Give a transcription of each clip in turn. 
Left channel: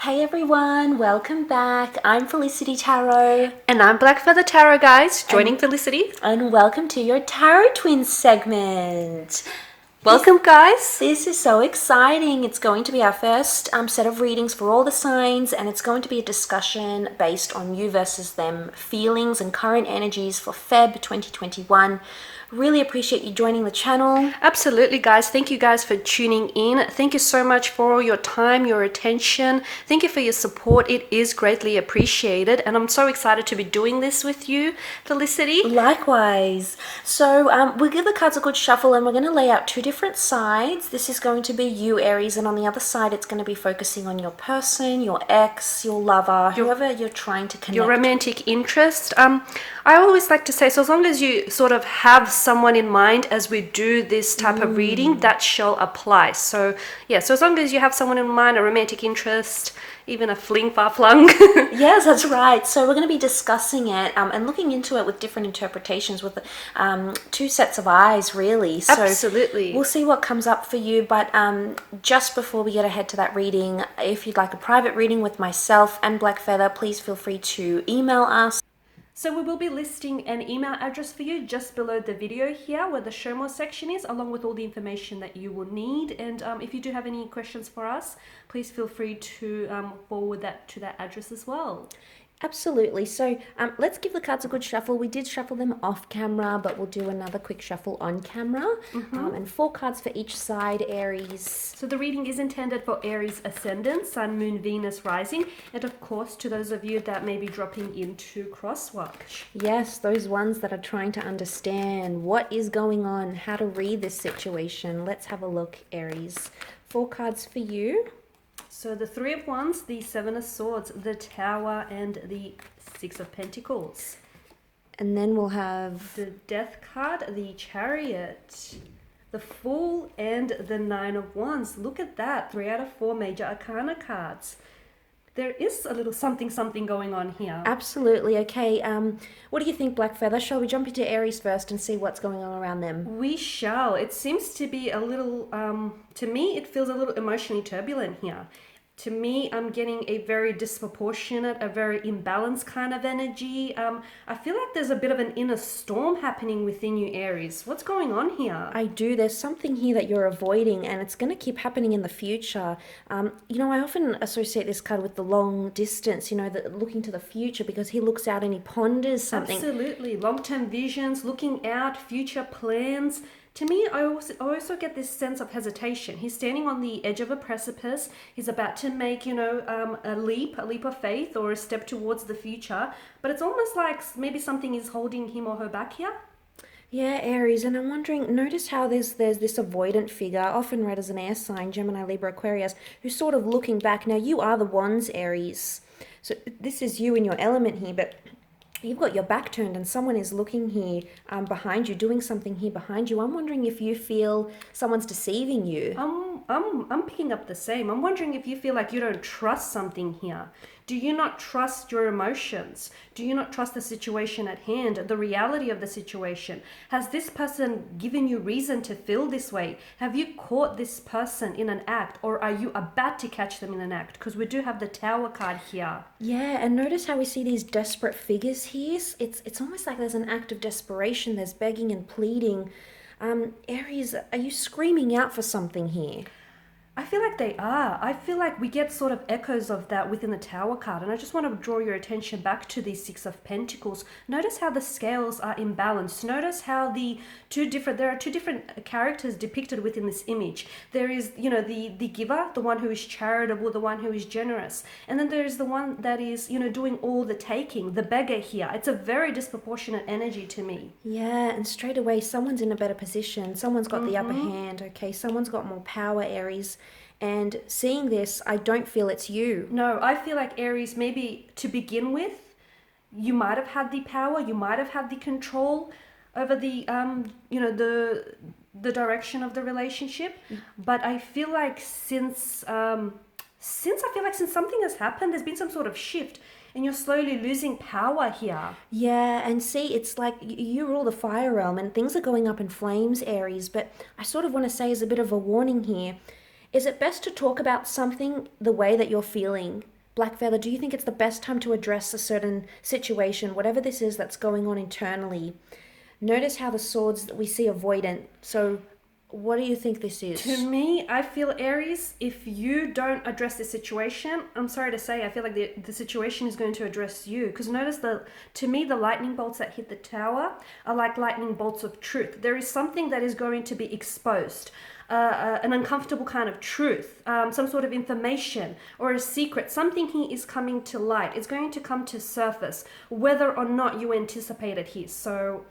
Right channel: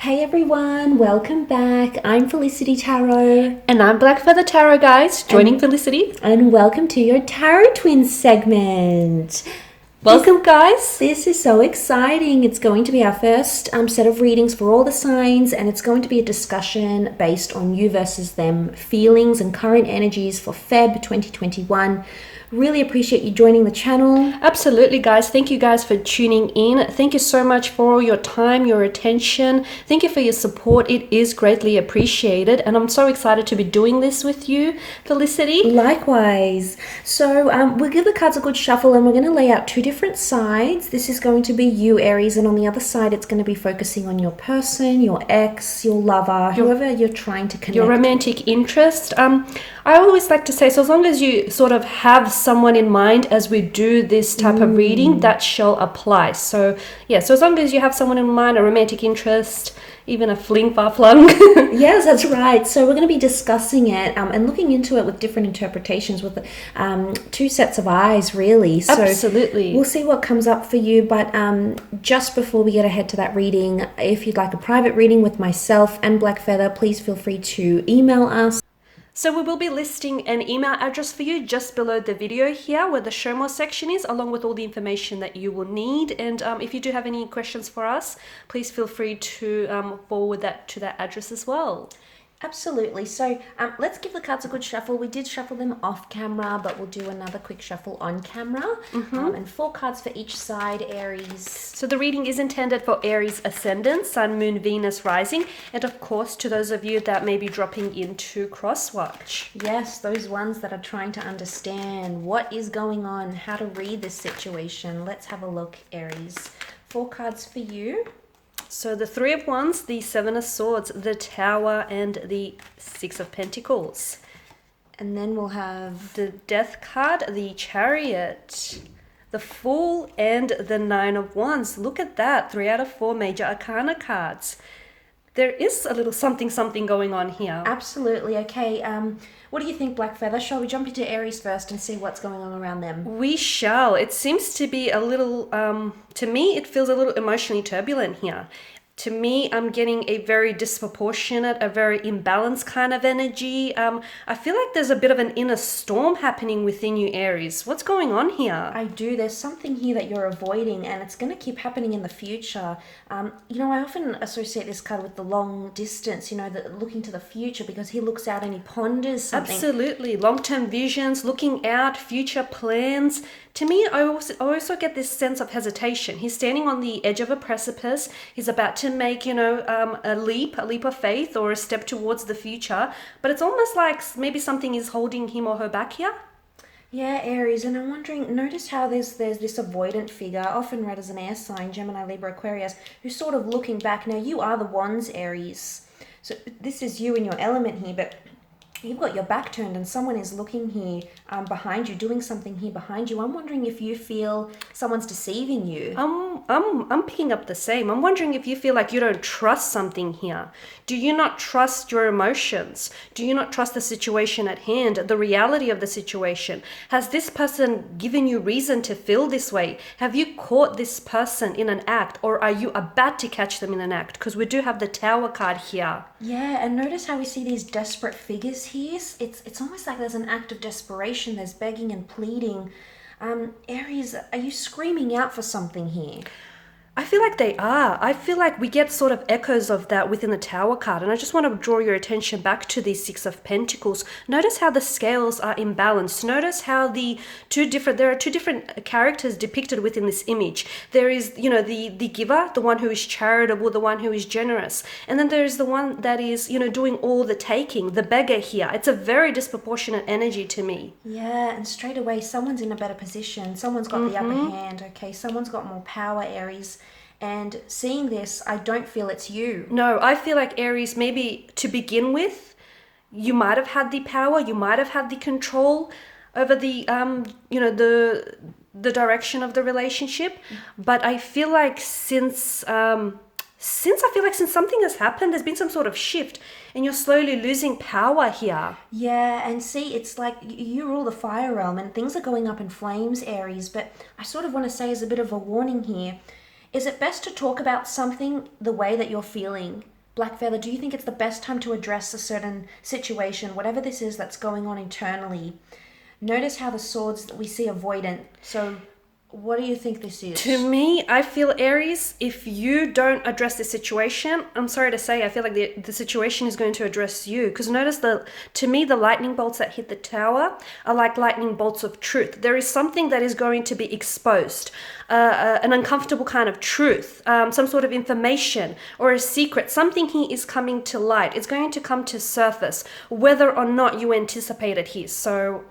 Hey everyone, welcome back. I'm Felicity Tarot. And I'm Black Feather Tarot, guys, joining And, Felicity. and welcome to your Tarot Twins segment. This, Welcome, guys. this is so exciting. It's going to be our first set of readings for all the signs, and it's going to be a discussion based on you versus them feelings and current energies for Feb 2021. Really appreciate you joining the channel. Absolutely, guys. Thank you guys for tuning in. Thank you so much for your time, your attention. Thank you for your support. It is greatly appreciated. And I'm so excited to be doing this with you, Felicity. Likewise. So we'll give the cards a good shuffle and we're going to lay out two different sides. This is going to be you, Aries, and on the other side it's going to be focusing on your person, your ex, your lover, whoever you're trying to connect Your romantic interest. I always like to say, so as long as you sort of have someone in mind as we do this type of reading, that shall apply. So yeah, so as long as you have someone in mind, a romantic interest, even a fling far flung. Yes, that's right. So we're going to be discussing it and looking into it with different interpretations with two sets of eyes, really. So Absolutely. we'll see what comes up for you. But just before we get ahead to that reading, if you'd like a private reading with myself and Black Feather, please feel free to email us. So we will be listing an email address for you just below the video here where the show more section is, along with all the information that you will need. And if you do have any questions for us, please feel free to forward that to that address as well. Absolutely. So let's give the cards a good shuffle. We did shuffle them off camera, but we'll do another quick shuffle on camera. And 4 cards for each side, Aries. So the reading is intended for Aries ascendant, Sun, Moon, Venus, Rising, and of course to those of you that may be dropping into crosswatch. Yes, those ones that are trying to understand what is going on, how to read this situation. Let's have a look, Aries. 4 cards for you. So the 3 of Wands, the 7 of Swords, the Tower, and the 6 of Pentacles. And then we'll have The Death card, the Chariot, the Fool, and the 9 of Wands. Look at that, 3 out of 4 major arcana cards. There is a little something going on here. Absolutely. Okay. What do you think, Black Feather? Shall we jump into Aries first and see what's going on around them? We shall. It seems to be a little, to me, it feels a little emotionally turbulent here. To me, I'm getting a very disproportionate, a very imbalanced kind of energy. I feel like there's a bit of an inner storm happening within you, Aries. What's going on here? I do. There's something here that you're avoiding, and it's going to keep happening in the future. I often associate this card with the long distance, looking to the future, because he looks out and he ponders something. Absolutely. Long-term visions, looking out, future plans. To me, I also get this sense of hesitation. He's standing on the edge of a precipice. He's about to make, a leap of faith or a step towards the future. But it's almost like maybe something is holding him or her back here. Yeah, Aries, and I'm wondering, notice how there's this avoidant figure, often read as an air sign, Gemini, Libra, Aquarius, who's sort of looking back. Now, you are the Wands, Aries. So this is you in your element here, but you've got your back turned and someone is looking here behind you, doing something here behind you. I'm wondering if you feel someone's deceiving you. I'm picking up the same. I'm wondering if you feel like you don't trust something here. Do you not trust your emotions? Do you not trust the situation at hand, the reality of the situation? Has this person given you reason to feel this way? Have you caught this person in an act, or are you about to catch them in an act? Because we do have the Tower card here. Yeah, and notice how we see these desperate figures here. It's almost like there's an act of desperation. There's begging and pleading. Aries, are you screaming out for something here? I feel like they are. I feel like we get sort of echoes of that within the Tower card. And I just want to draw your attention back to the 6 of Pentacles. Notice how the scales are imbalanced. Notice how there are two different characters depicted within this image. There is, the giver, the one who is charitable, the one who is generous. And then there is the one that is, doing all the taking, the beggar here. It's a very disproportionate energy to me. Yeah, and straight away, someone's in a better position. Someone's got the upper hand, okay? Someone's got more power, Aries. And seeing this, I don't feel it's you. No, I feel like Aries, maybe to begin with, you might have had the power, you might have had the control over the direction of the relationship. But I feel like since something has happened, there's been some sort of shift, and you're slowly losing power here. Yeah, and see, it's like you rule the fire realm and things are going up in flames, Aries. But I sort of want to say as a bit of a warning here, Is it best to talk about something the way that you're feeling? Black Feather, do you think it's the best time to address a certain situation, whatever this is that's going on internally? Notice how the swords that we see avoidant. So, what do you think this To is? me, I feel Aries, if you don't address the situation, I'm sorry to say, I feel like the situation is going to address you. Because notice to me, the lightning bolts that hit the tower are like lightning bolts of truth. There is something that is going to be exposed, an uncomfortable kind of truth, some sort of information or a secret. Something here is coming to light. It's going to come to surface, whether or not you anticipate it here. So,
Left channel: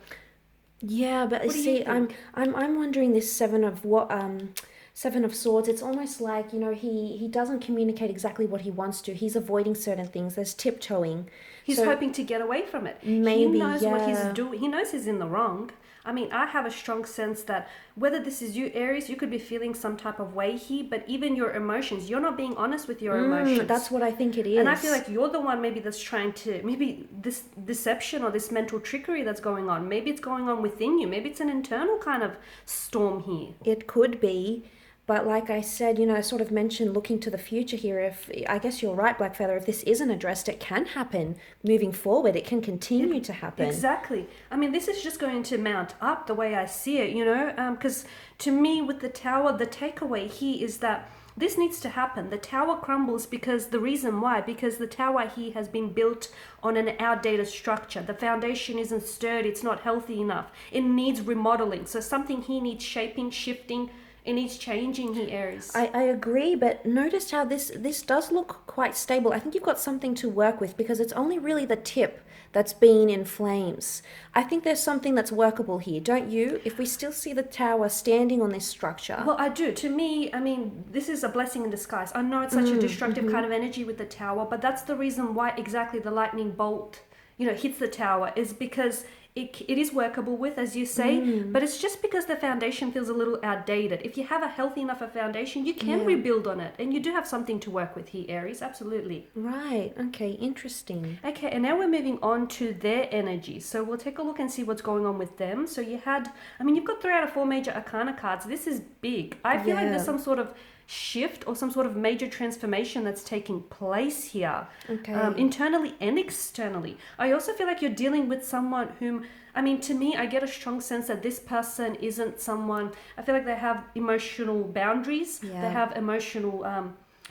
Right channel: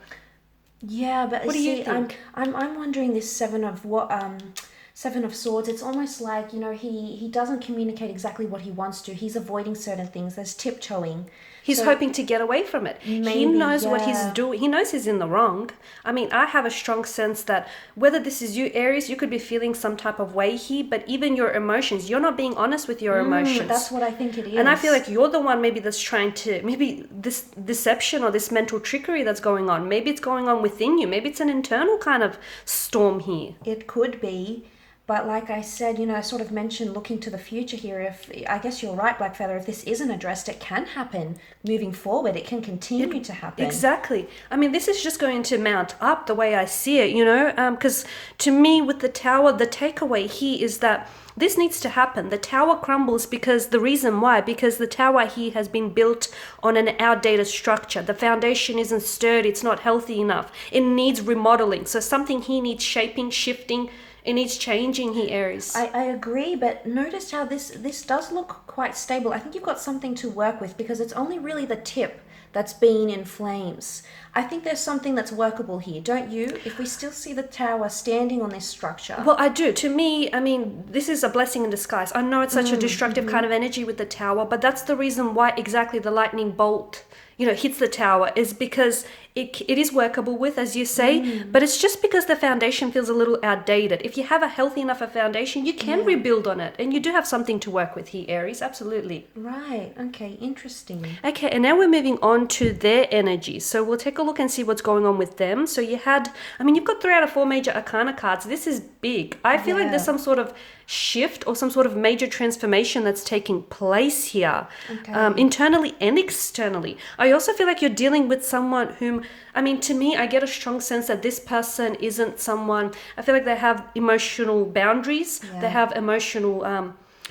Yeah, but what do you see, think? I'm wondering this seven of swords. It's almost like he doesn't communicate exactly what he wants to. He's avoiding certain things. There's tiptoeing. He's So hoping to get away from it. He maybe, knows what he's yeah. doing. He knows he's in the wrong. I mean, I have a strong sense that whether this is you, Aries, you could be feeling some type of way here, but even your emotions, you're not being honest with your That's emotions. what I think it And I feel is. like you're the one maybe that's trying to, maybe this deception or this mental trickery that's going on, maybe it's going on within you. Maybe it's an internal kind of storm here. It could be, but like I said, I sort of mentioned looking to the future here. If I guess you're right, Blackfeather, if this isn't addressed, it can happen moving forward. It can continue to happen. Exactly. I mean, this is just going to mount up the way I see it, because to me, with the tower, the takeaway here is that this needs to happen. The tower crumbles because the reason why, because the tower here has been built on an outdated structure. The foundation isn't sturdy, it's not healthy enough. It needs remodeling. So something here needs shaping, shifting, it needs changing here, Aries. I agree, but notice how this does look quite stable. I think you've got something to work with because it's only really the tip that's been in flames. I think there's something that's workable here, don't you? If we still see the tower standing on this structure. Well, I do. To me, I mean, this is a blessing in disguise. I know it's such a destructive kind of energy with the tower, but that's the reason why exactly the lightning bolt, hits the tower is because it is workable with, as you say, but it's just because the foundation feels a little outdated. If you have a healthy enough a foundation, you can rebuild on it, and you do have something to work with here, Aries. Absolutely. Right, okay, interesting. Okay, and now we're moving on to their energy. So we'll take a look and see what's going on with them. So you've got 3 out of 4 major arcana cards. This is big. I feel like there's Yeah. some sort of shift or some sort of major transformation that's taking place here, Okay. internally and externally. I also feel like you're dealing with someone whom, I mean, to me, I get a strong sense that this person isn't someone, I feel like they have emotional boundaries. They Yeah. have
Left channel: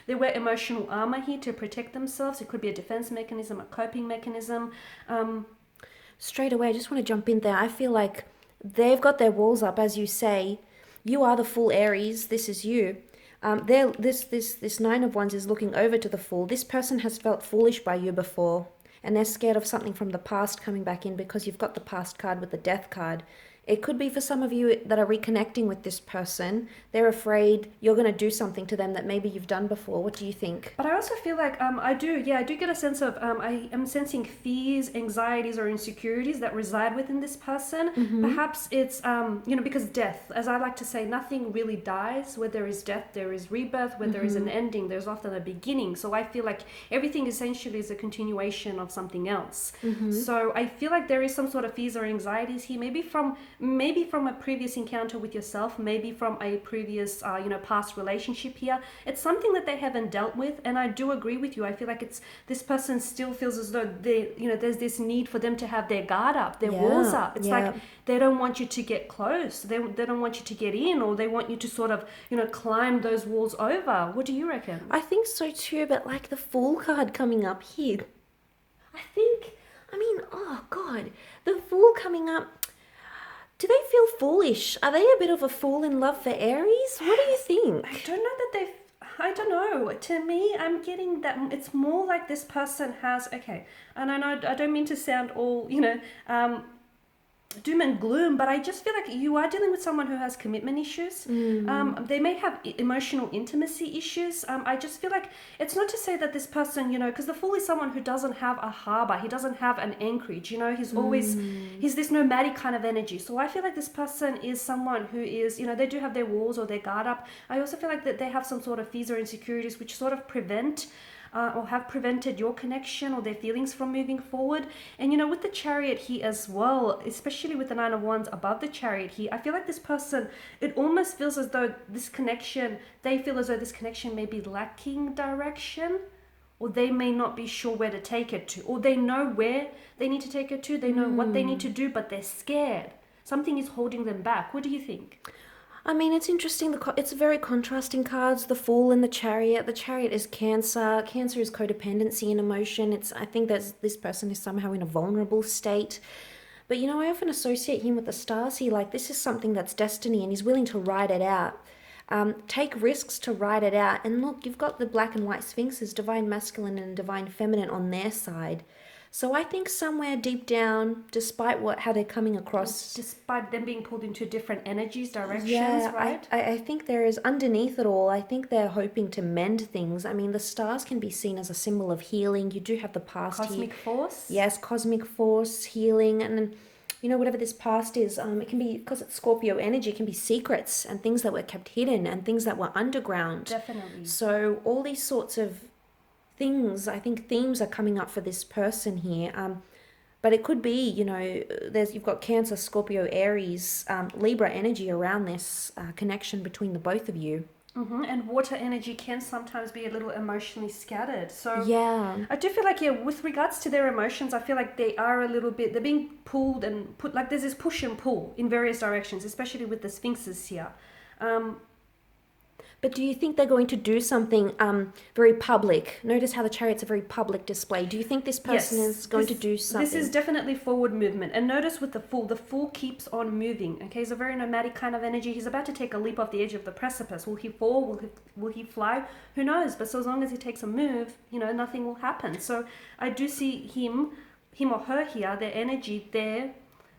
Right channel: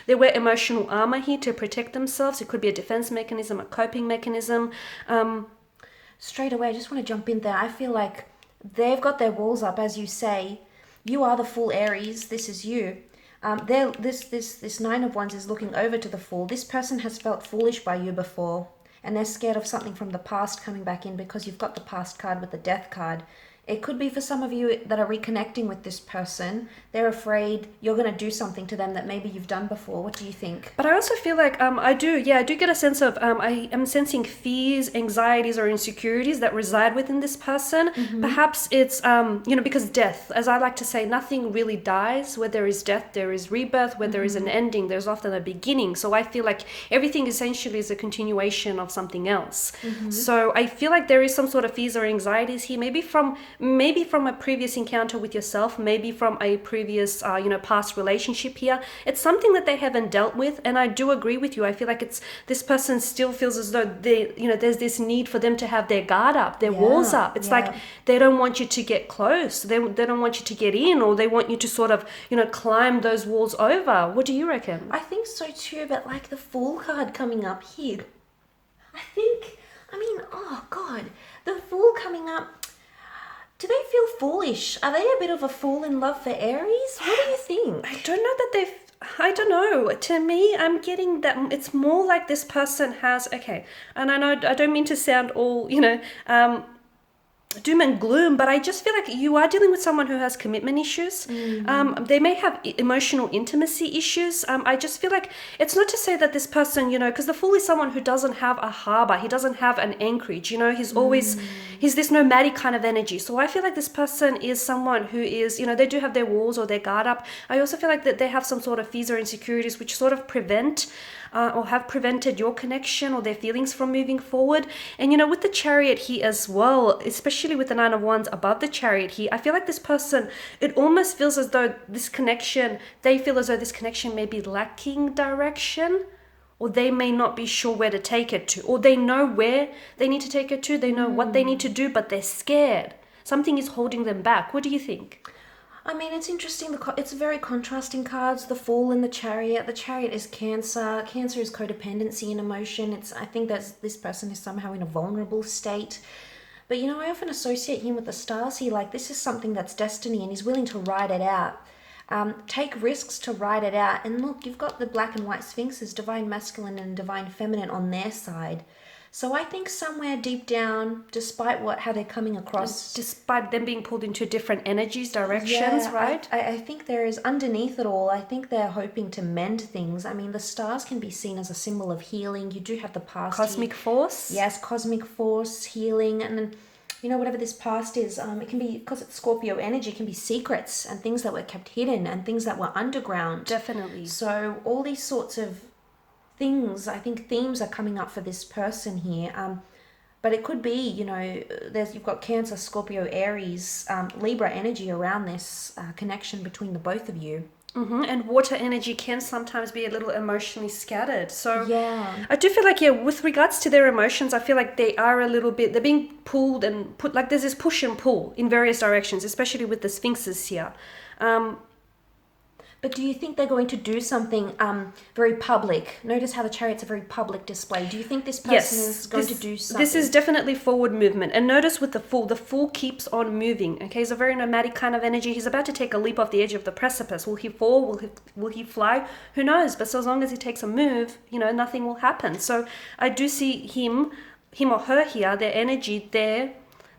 they wear emotional armor here to protect themselves. It could be a defense mechanism, a coping mechanism. Straight away, I just want to jump in there. I feel like they've got their walls up, as you say. You are the full Aries. This is you. This Nine of Wands is looking over to the Fool. This person has felt foolish by you before, and they're scared of something from the past coming back in because you've got the past card with the Death card. It could be for some of you that are reconnecting with this person. They're afraid you're going to do something to them that maybe you've done before. What do you think? But I also feel like I do get a sense of I am sensing fears, anxieties, or insecurities that reside within this person. Perhaps it's because death, as I like to say, nothing really dies. Where there is death, there is rebirth. Where there is an ending, there's often a beginning. So I feel like everything essentially is a continuation of something else. So I feel like there is some sort of fears or anxieties here, maybe from a previous encounter with yourself, maybe from a previous past relationship here. It's something that they haven't dealt with, and I do agree with you. I feel like this person still feels as though there's this need for them to have their guard up, their walls up. It's like they don't want you to get close, they don't want you to get in, or they want you to sort of climb those walls over. What do you reckon? I think so too, but like the Fool card coming up here. Oh God, the Fool coming up. Do they feel foolish? Are they a bit of a fool in love for Aries? What do you think? I don't know that I don't know. To me, I'm getting that it's more like this person has, okay, and I know I don't mean to sound all, doom and gloom, but I just feel like you are dealing with someone who has commitment issues. They may have emotional intimacy issues. I just feel like it's not to say that this person, because the Fool is someone who doesn't have a harbor, he doesn't have an anchorage, he's this nomadic kind of energy. So I feel like this person is someone who is, they do have their walls or their guard up. I also feel like that they have some sort of fears or insecurities which sort of prevent or have prevented your connection or their feelings from moving forward. And with the Chariot here as well, especially with the Nine of Wands above the Chariot here, I feel like this person, it almost feels as though they feel as though this connection may be lacking direction, or they may not be sure where to take it to, or they know where they need to take it to, they know what they need to do, but they're scared. Something is holding them back. What do you think? I mean, it's interesting. It's very contrasting cards. The Fool and the Chariot. The Chariot is Cancer. Cancer is codependency and emotion. I think that this person is somehow in a vulnerable state. But I often associate him with the stars here. Like, this is something that's destiny, and he's willing to ride it out. Take risks to ride it out. And look, you've got the black and white sphinxes, divine masculine and divine feminine, on their side. So I think somewhere deep down, despite how they're coming across, despite them being pulled into different energies, directions, right? I think there is, underneath it all, I think they're hoping to mend things. I mean, the stars can be seen as a symbol of healing. You do have the past Cosmic force. Yes, cosmic force, healing, and whatever this past is, it can be, because it's Scorpio energy, it can be secrets and things that were kept hidden and things that were underground. Definitely. So all these sorts of things, I think themes are coming up for this person here. But it could be, you've got Cancer, Scorpio, Aries, Libra energy around this connection between the both of you. And water energy can sometimes be a little emotionally scattered. So yeah, I do feel like, with regards to their emotions, I feel like they are a little bit, they're being pulled and put, like there's this push and pull in various directions, especially with the sphinxes here. But do you think they're going to do something very public? Notice how the Chariot's a very public display. Do you think this person is going to do something? This is definitely forward movement. And notice with the Fool keeps on moving. Okay, he's a very nomadic kind of energy. He's about to take a leap off the edge of the precipice. Will he fall? Will he fly? Who knows? But so as long as he takes a move, nothing will happen. So I do see him or her here, their energy there,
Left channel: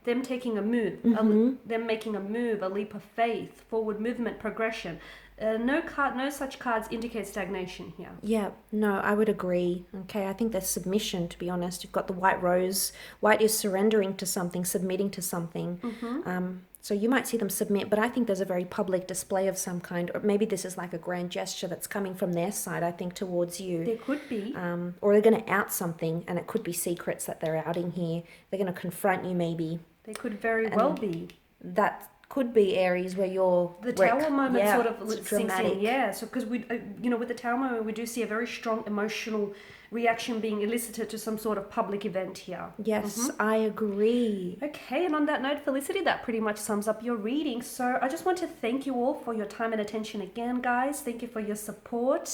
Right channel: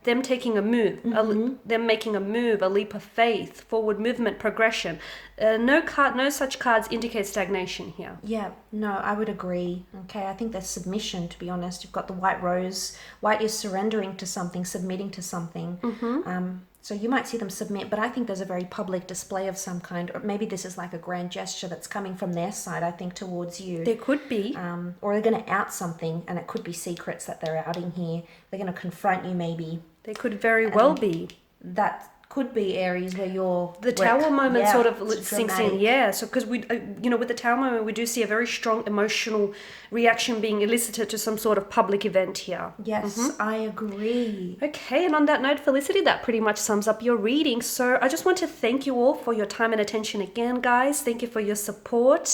them taking a move, them making a move, a leap of faith, forward movement, progression. No such cards indicate stagnation here. Yeah, no, I would agree. Okay, I think there's submission, to be honest. You've got the white rose. White is surrendering to something, submitting to something. So you might see them submit, but I think there's a very public display of some kind, or maybe this is like a grand gesture that's coming from their side, I think, towards you. There could be. Or they're going to out something, and it could be secrets that they're outing here. They're going to confront you, maybe. They could very well be. That could be Aries, where you're the Tower moment sort of sinks in. Yeah, so because we, with the Tower moment, we do see a very strong emotional reaction being elicited to some sort of public event here. Yes, I agree. Okay, and on that note, Felicity, that pretty much sums up your reading. So I just want to thank you all for your time and attention again, guys. Thank you for your support.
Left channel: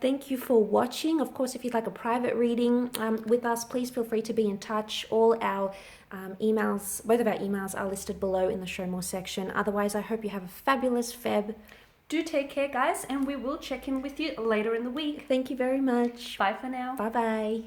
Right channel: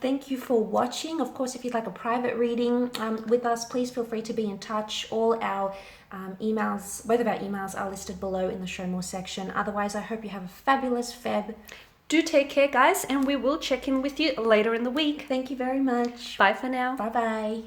Thank you for watching. Of course, if you'd like a private reading with us, please feel free to be in touch. All our emails, both of our emails are listed below in the Show More section. Otherwise, I hope you have a fabulous Feb. Do take care, guys, and we will check in with you later in the week. Thank you very much. Bye for now. Bye-bye.